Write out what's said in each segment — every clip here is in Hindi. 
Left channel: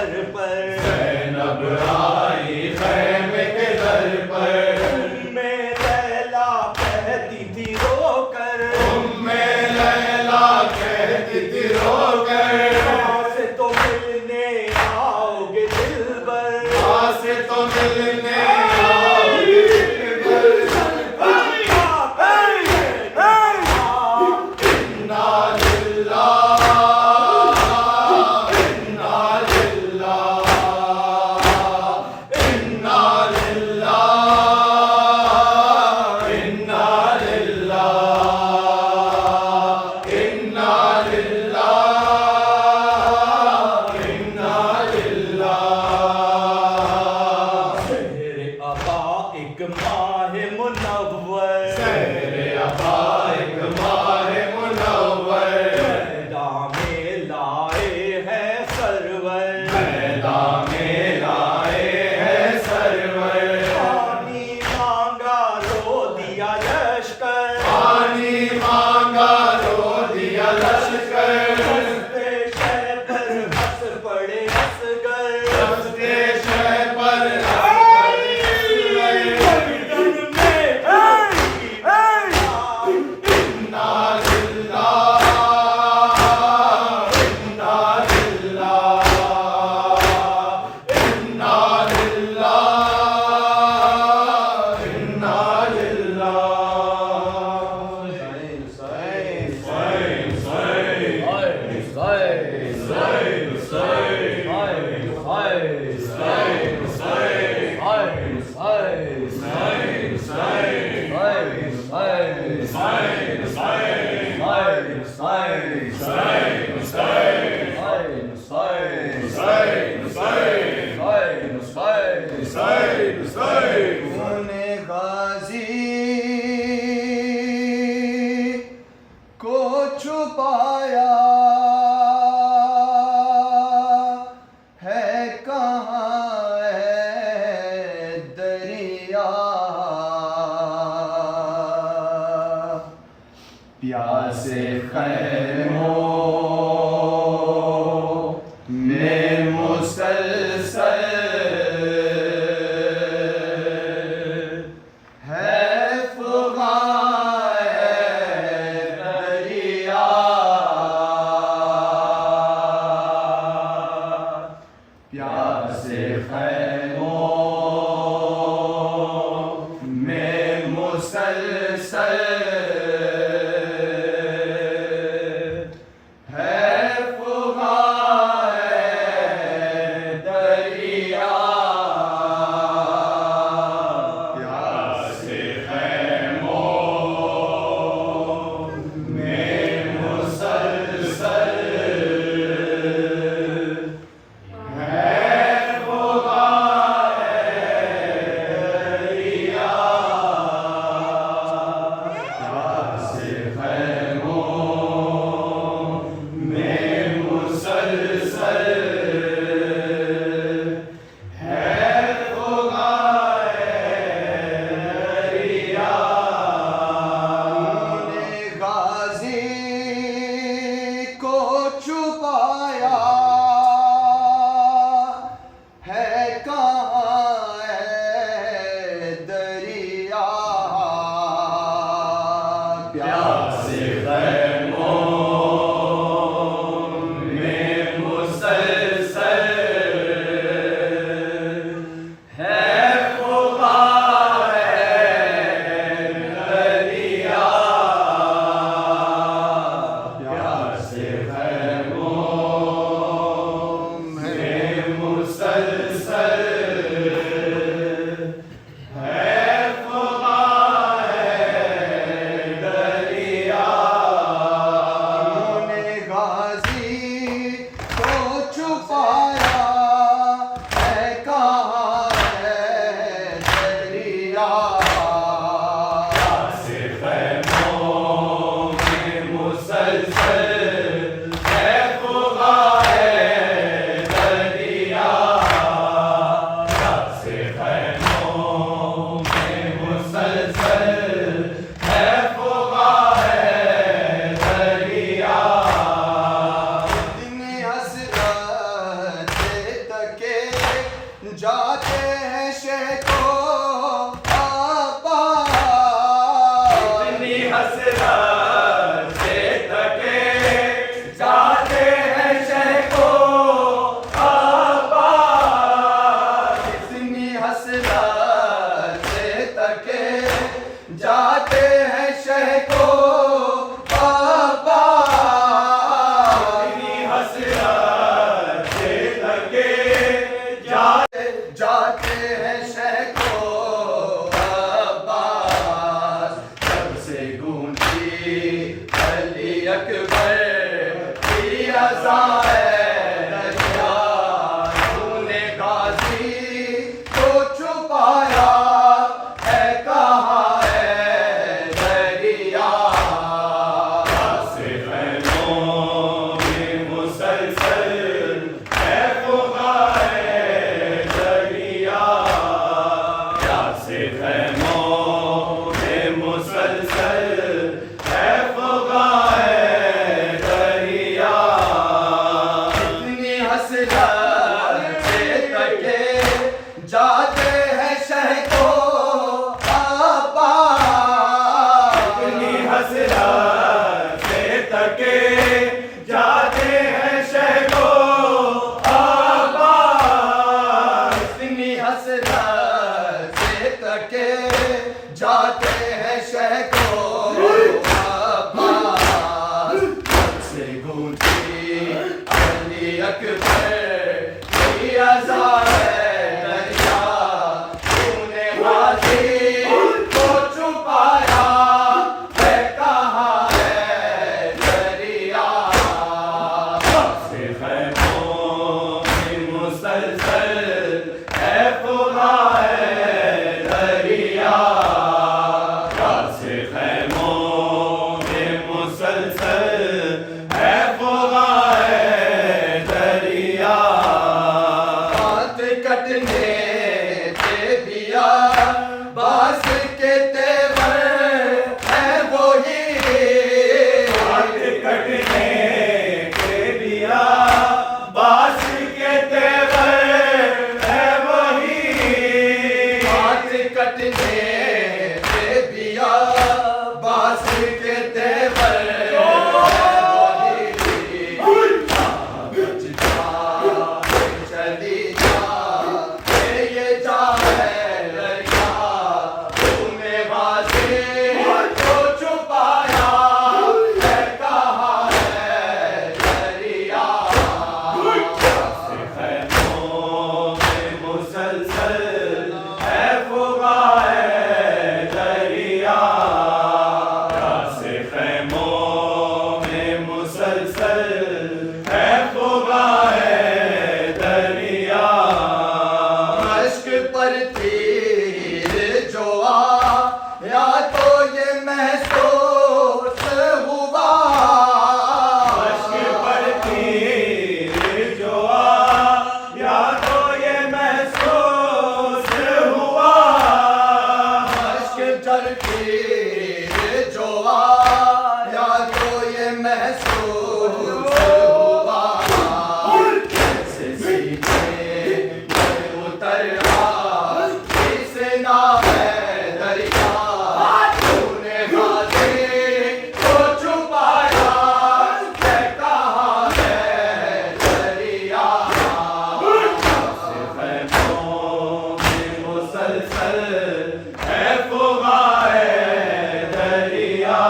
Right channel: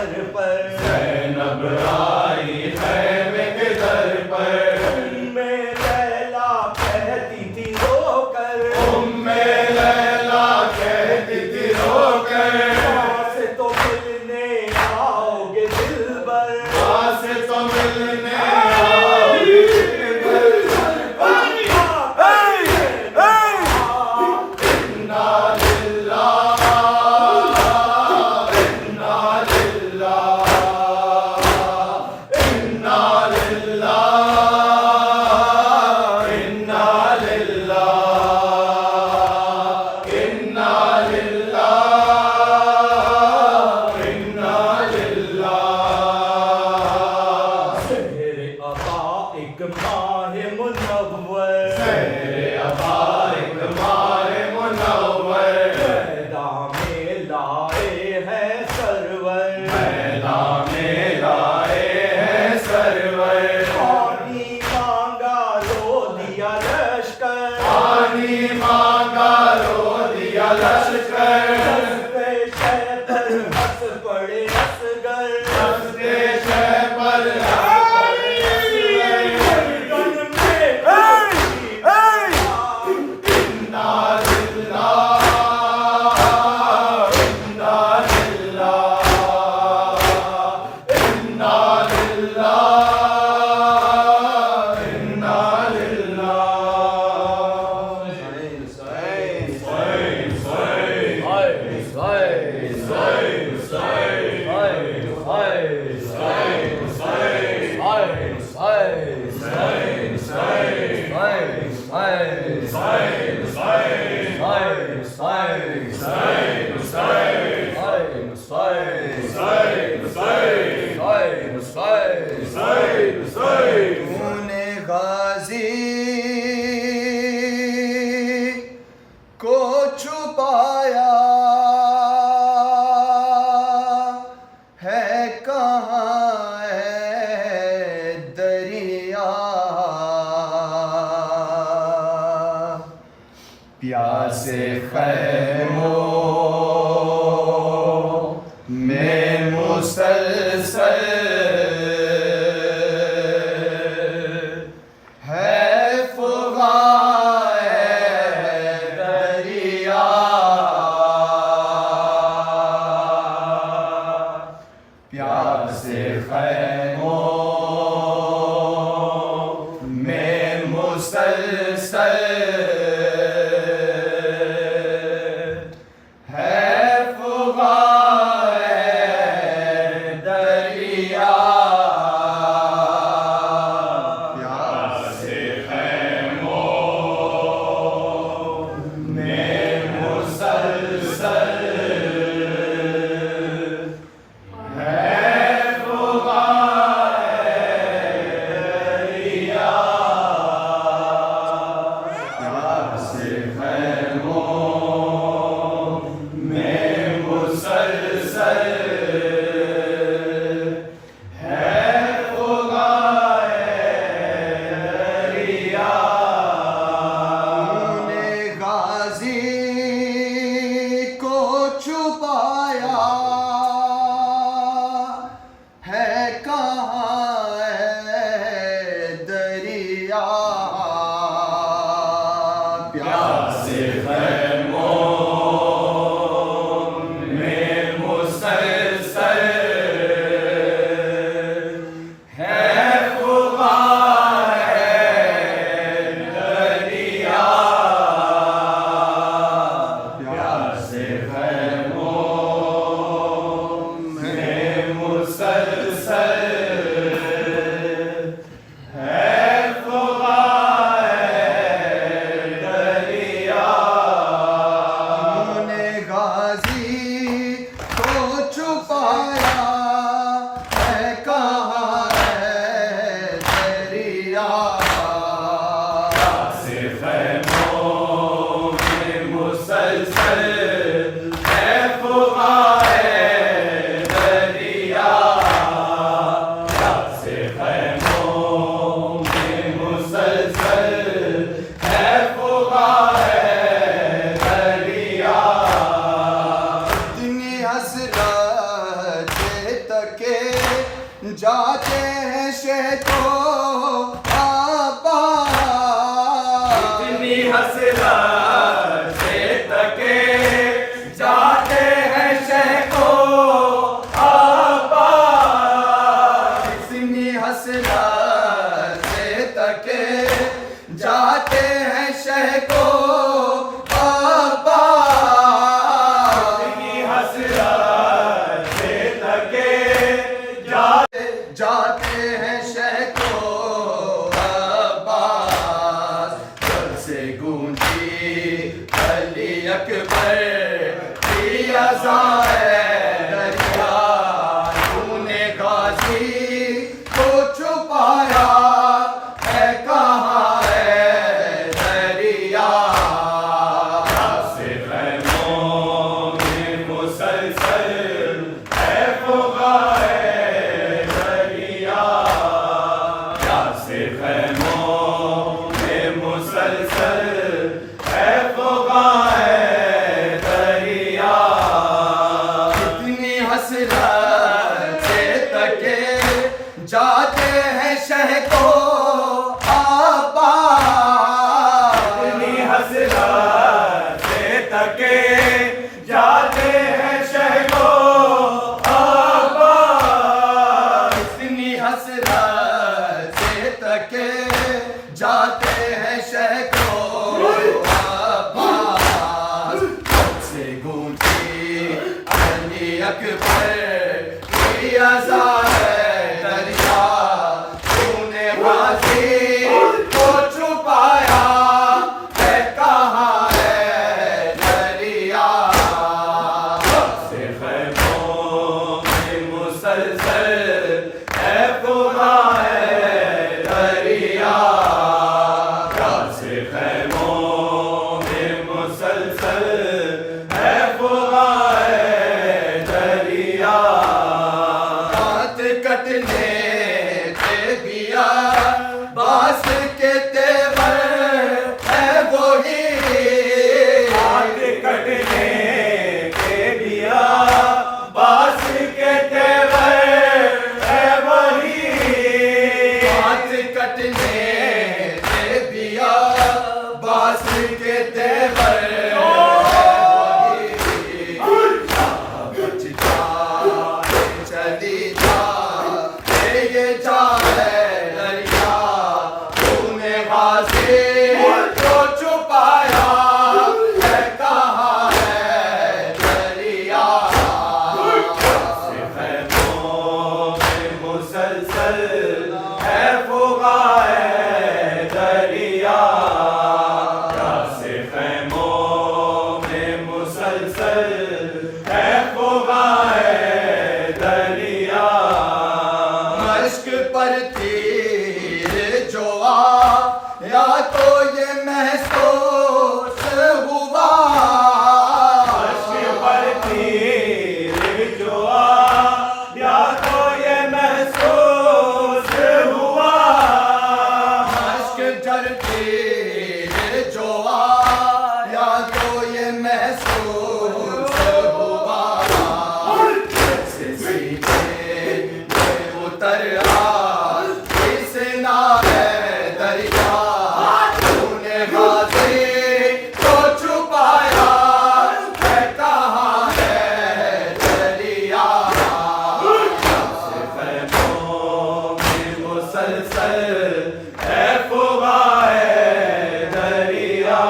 दर पर, ज़ैनब आई खैमे के दर पर, उम्मे लैला कहती थी रोकर, उम्मे लैला कहती थी रोकर, माँ से तो मिलने आओगे दिलबर, माँ से तो मिलने प्यासे खैमों में मुसलसल है फुगाए दरिया, प्यासे खैमों में मुसलसल जाते हैं शहको अब्बास। इतनी हसरत से थके जाते हैं शहको अब्बास। इतनी हसरत से थके जाते हैं शहको अब्बास। इतनी हसरत से थके जाते हैं शहको अब्बास। जब से गूंजी अली अकबर की अज़ान है दरिया, तूने गाज़ी को छुपाया है, कहाँ है दरिया। से खैमों में मुसलसल है फुगाए दरिया। से खैमों में मुसलसल है फुगाए दरिया। इतनी हसरत से तके जाते हैं शहको अब्बास। इतनी हसरत से थके जाते हैं शहको अब्बास। इतनी हसरत से तके जाते हैं शहको अब्बास। जब से गूंजी अली अकबर की अज़ान है दरिया, तूने गाज़ी को छुपाया है, कहाँ है दरिया। से खैमों में मुसलसल है फुगाए दरिया। से खैमों में मुसलसल है फुगाए दरिया। दांत कटने से बिया बास के तेवर है वही। हाथ कटने के दिया बास के तेवर है वही। दांत कटने से बिया बास के तेवर है वही। बचता चली जा ये जा है दरिया, तूने गाज़ी को छुपाया है, कहाँ है दरिया। से खैमों में मुसलसल है फुगाए दरिया। से खैमों में मुसलसल है फुगाए दरिया। मश्क पर तीर जो या तो ये महसूस हुआ। मश्क पर तीर जो या तो ये महसूस हुआ। मश्क पर तीर जो या तो ये महसूस हुआ। जैसे सीने में उतर किसना है दरिया, तूने गाज़ी को छुपाया है, कहाँ है दरिया। से खैमों में मुसलसल है फुगाए दरिया।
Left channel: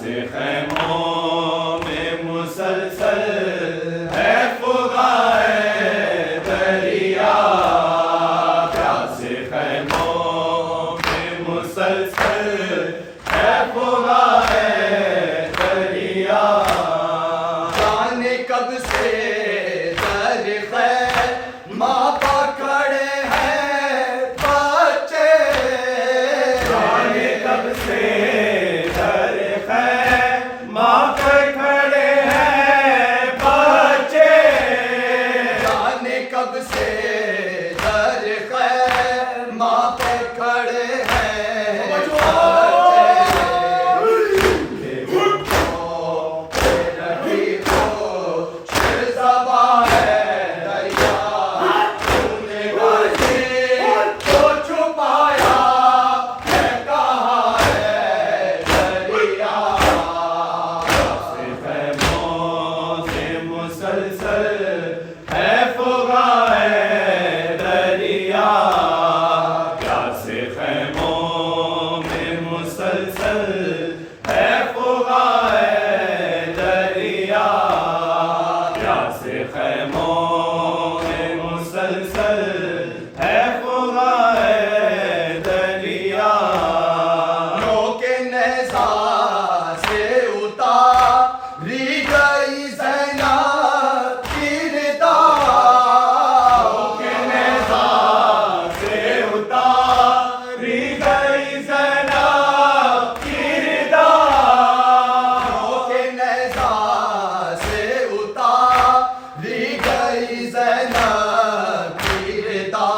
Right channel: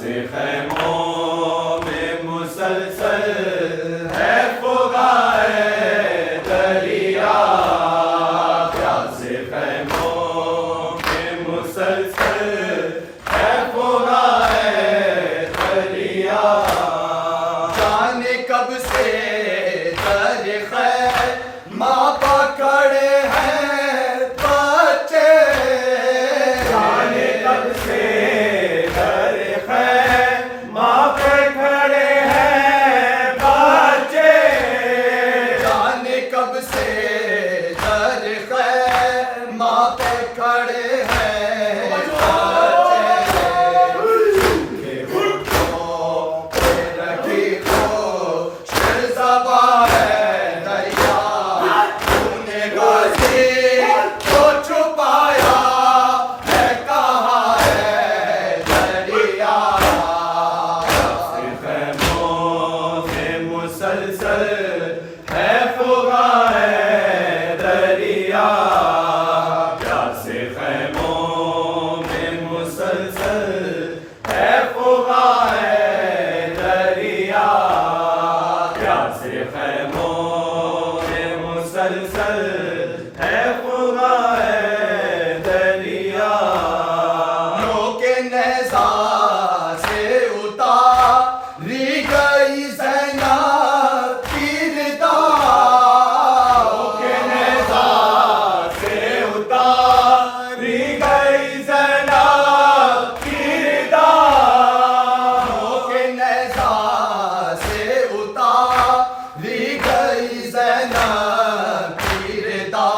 से खैमों में मुसलसल है फुगाए दरिया। से खैमों में मुसलसल है फुगाए दरिया। जाने कब से दर खैर माँ पकड़े हैं बच्चे। जाने कब से दर खैर माँ पे खड़े हैं बच्चे। जाने कब से दर खैर माँ पे खड़े हैं बच्चे। रखी हो शहज़ाबा है दरिया, मुसलसल है फुगा है दरिया नोके नेज़ा से उतारी गई ज़ैनब की रिदा के नेज़ा से उतारी गई ज़ैनब की रिदा नोके नेज़ा से उतारी गई ज़ैनब की रिदा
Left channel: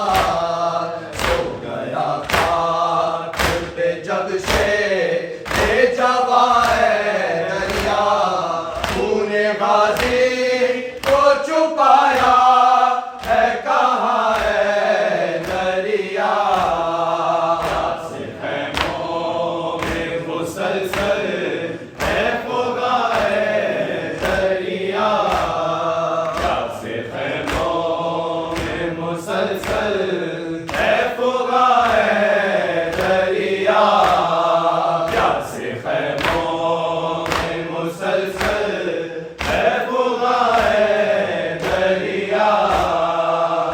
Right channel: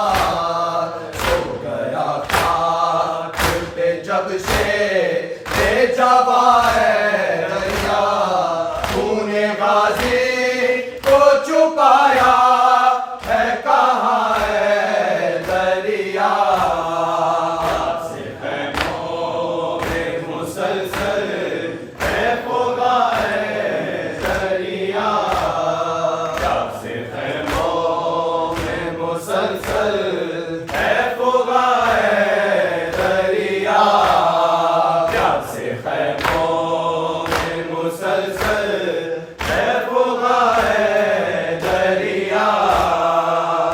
सो गया खाक पे जब से ले जवा है दरिया तूने गाजी को छुपाया है कहाँ है दरिया से खैमों में मुसलसल है फुगा है दरिया से खैमों में मुसलसल है फुगा है दरिया से खैमों में मुसलसल है फुगा है दरिया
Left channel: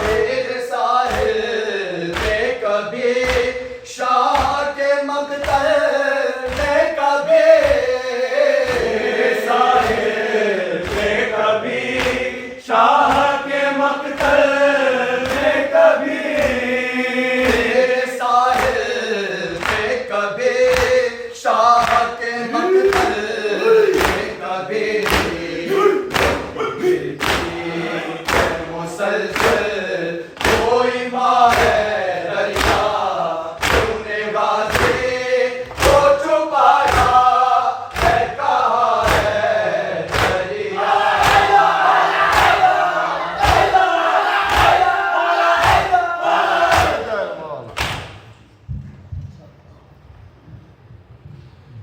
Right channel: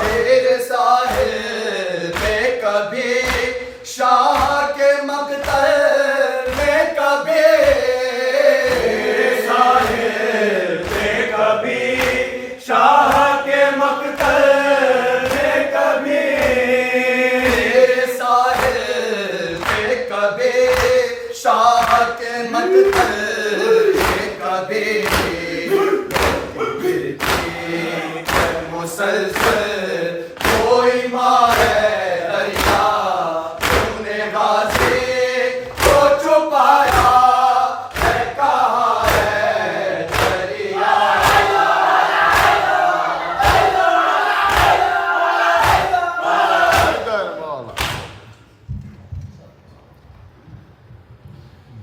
तेरे साहिल पे कभी शाह के मकतल में कभी साहिल पे कभी शाह के मकतल में कभी तेरे साहिल पे कभी शाह के मकतल में कभी मुसलसल कोई मारे दरिया तुमने गाजी को छुपाया है कहाँ है दरिया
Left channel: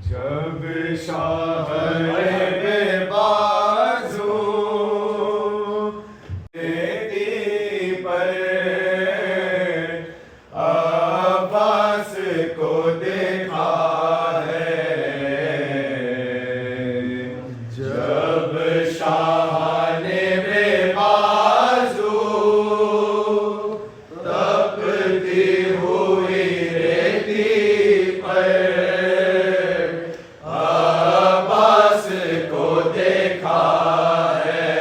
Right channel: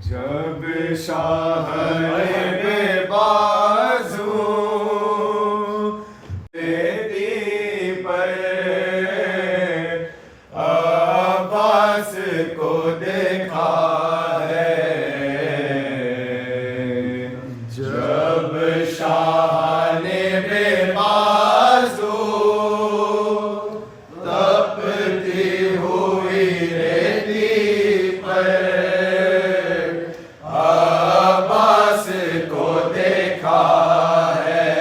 जब शाह बेबाजू देती पर अब्बास को देखा है जब शाह ने बेबाजू तपती हुई रेती पर अब्बास को देखा है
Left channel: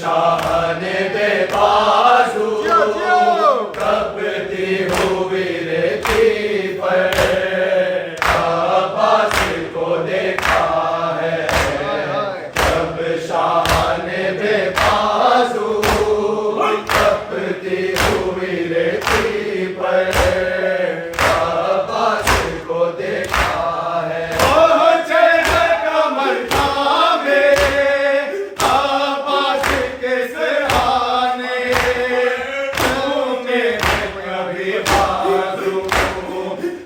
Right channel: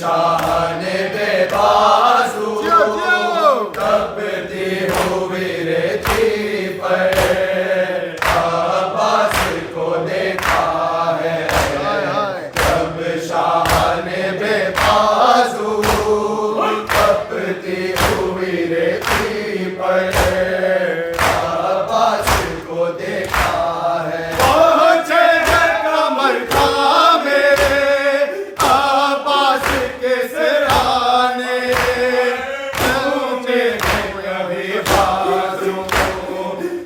शाह ने बेबाजू कपती हुई रेती पर अब्बास को देखा है। जब शाह ने बेबाजू कपती हुई रेती पर अब्बास को देखा है। पहुंचे हैं कमर थामे अब्बास के सराने, तुम्हें है कभी बाजू,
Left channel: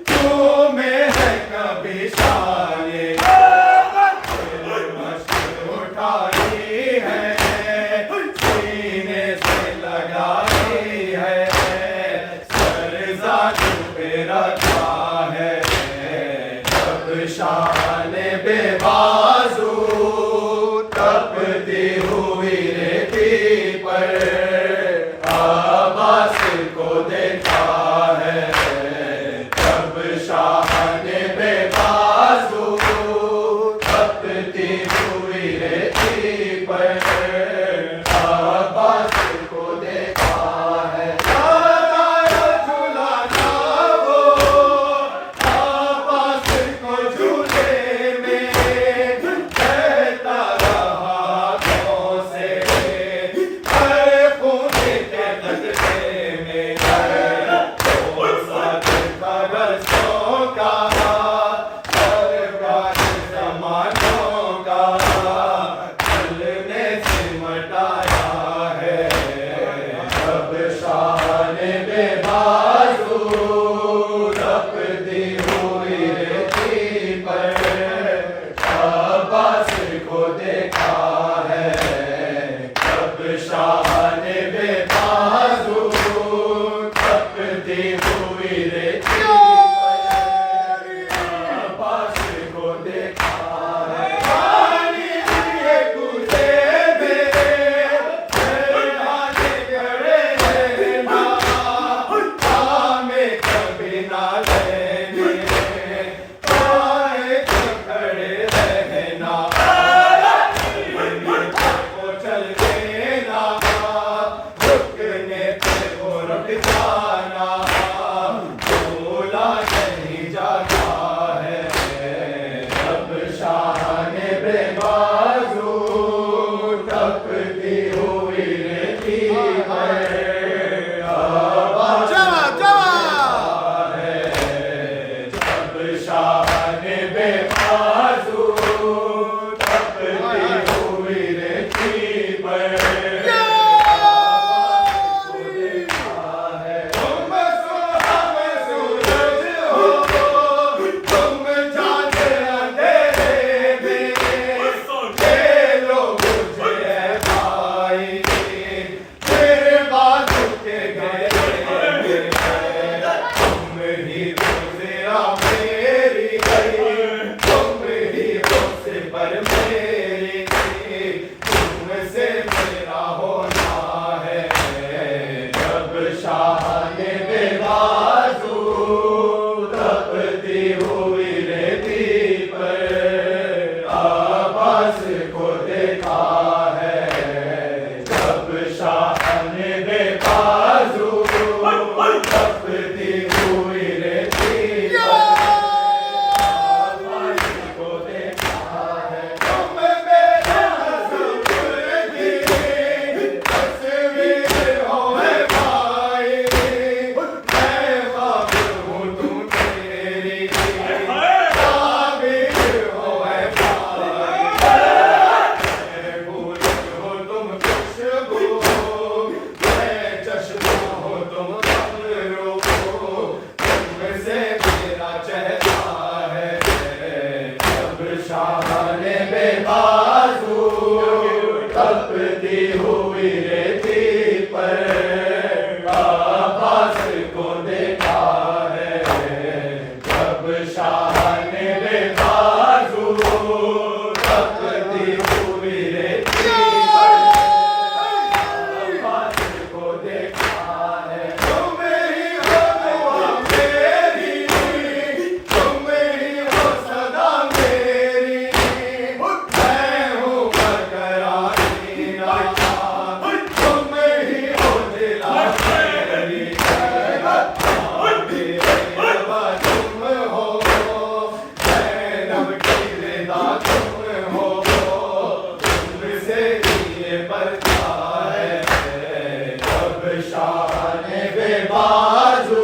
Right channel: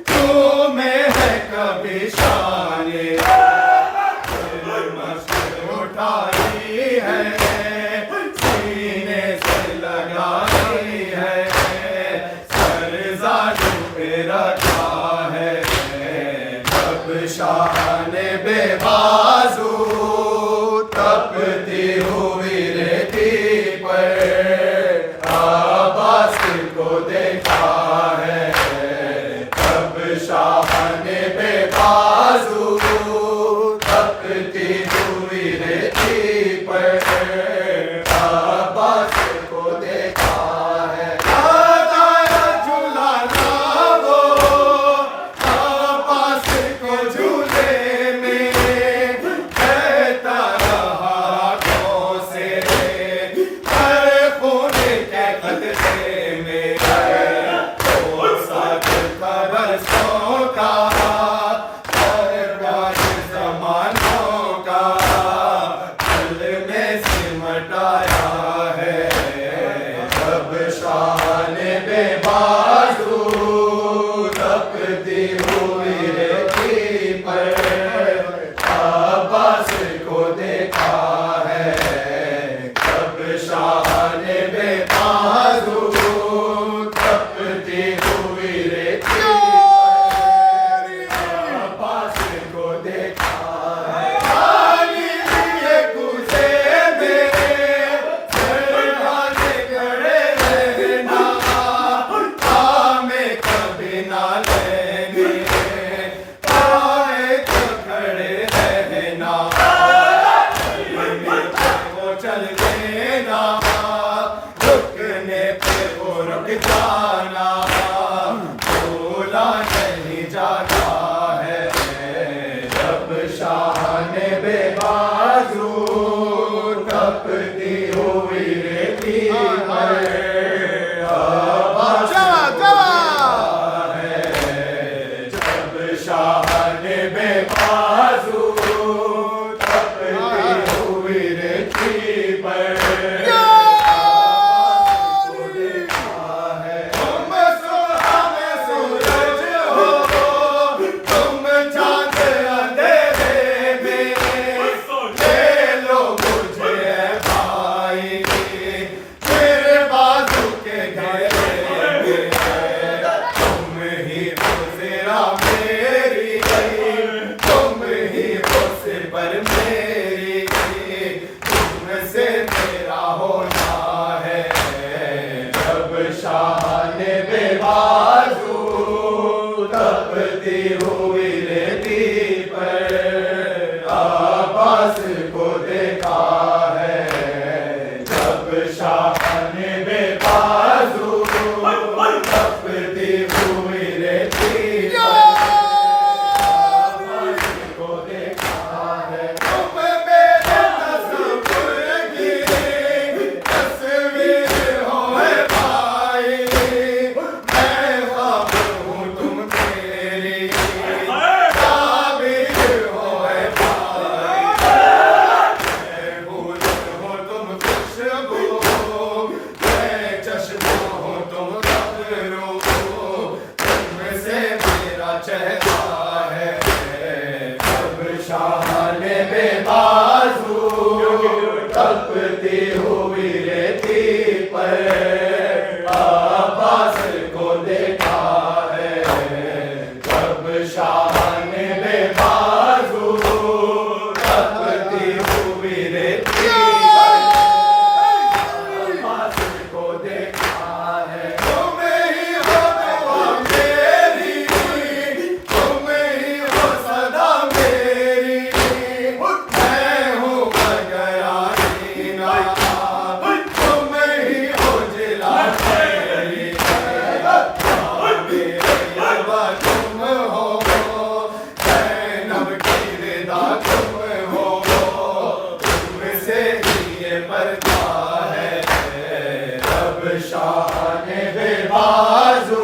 तुम्हें है कभी शाने। मस्जिद उठाई है, सीने से लगाई है, सरज़ाद पे रखा है। जब शाह ने बेबाजू तपती हुई रेती पर अब्बास को देखा है। जब शाह ने बेबाजू तपती हुई रेती पर अब्बास को देखा है। लगाया झूलाना वो अब्बास को झूले में, कहता रहा हाथों से हर खून के खतरे में। वो साथ बरसों का और बात ज़मानों का दिल में सिमटाया है। जब शाह ने बेबाजू तपती हुई रेती पर अब्बास को देखा है। जब शाह ने बेबाजू तपती हुई रेती पर अब्बास को देखा है। पानी लिए कुसे में हाथ खड़े रहना, हमें कभी ना लेने आए तो खड़े रहना। को चल देना, रुकने पे वो रुक जाना, भूला नहीं जाता है। जब शाह ने बेबाजू तपती हुई रेती पर अब्बास को है। जब शाह ने बेबाजू तपती हुई रेती पर अब्बास को देखा है। तुम सोना में सूरज हो, तुम चांद अंधेरे में, ले लो मुझे है भाई, तेरे बाजू के घेरे में। तुम ही हो तेरा मेरी, तुम ही हो सिपर मेरी, तुमसे मेरा होना है। जब शाह ने बेबाजू तपती हुई रेती पर अब्बास को देखा है। जब शाह ने बेबाजू तपती हुई रेती पर अब्बास को देखा है। तुम मेरे तस्वीर की तस्वीर हो है भाई, मैं ख्वाब हूँ तुम तेरी ताबीर हो है भाई। मैं फूल हो तुम खुशबू, मैं चश्मा हो तुम कब्रो, तुमसे मेरा चेहरा है। जब शाह ने बेबाजू तपती हुई रेती पर अब्बास को देखा है। जब शाह ने बेबाजू तपती हुई रेती पर अब्बास को देखा है। तुम ही हो दुआ मेरी, तुम ही हो सदा मेरी, मैं हूँ बगरानी ना ये पड़ता है जब शान बेबाजू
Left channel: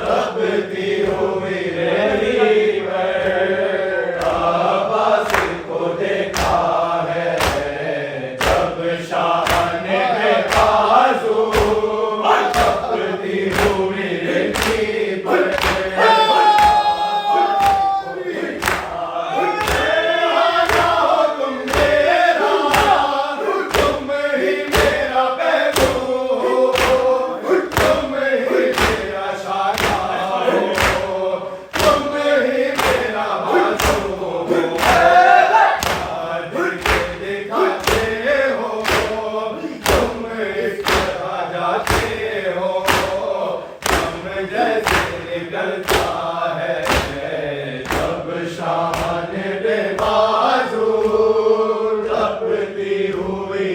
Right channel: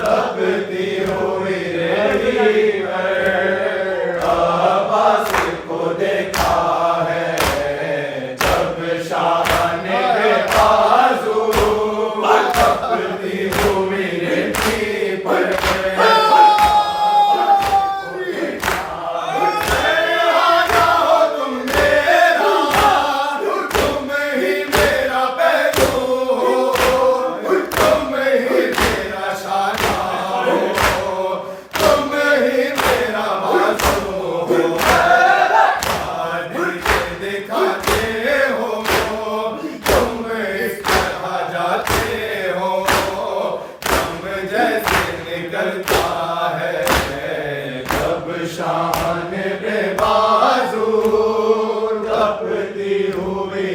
तबती हुई रही पर अब्बास को देखा है जब शान बेबाजू तबती हुई रही पर शान बेबाजू तपती हुई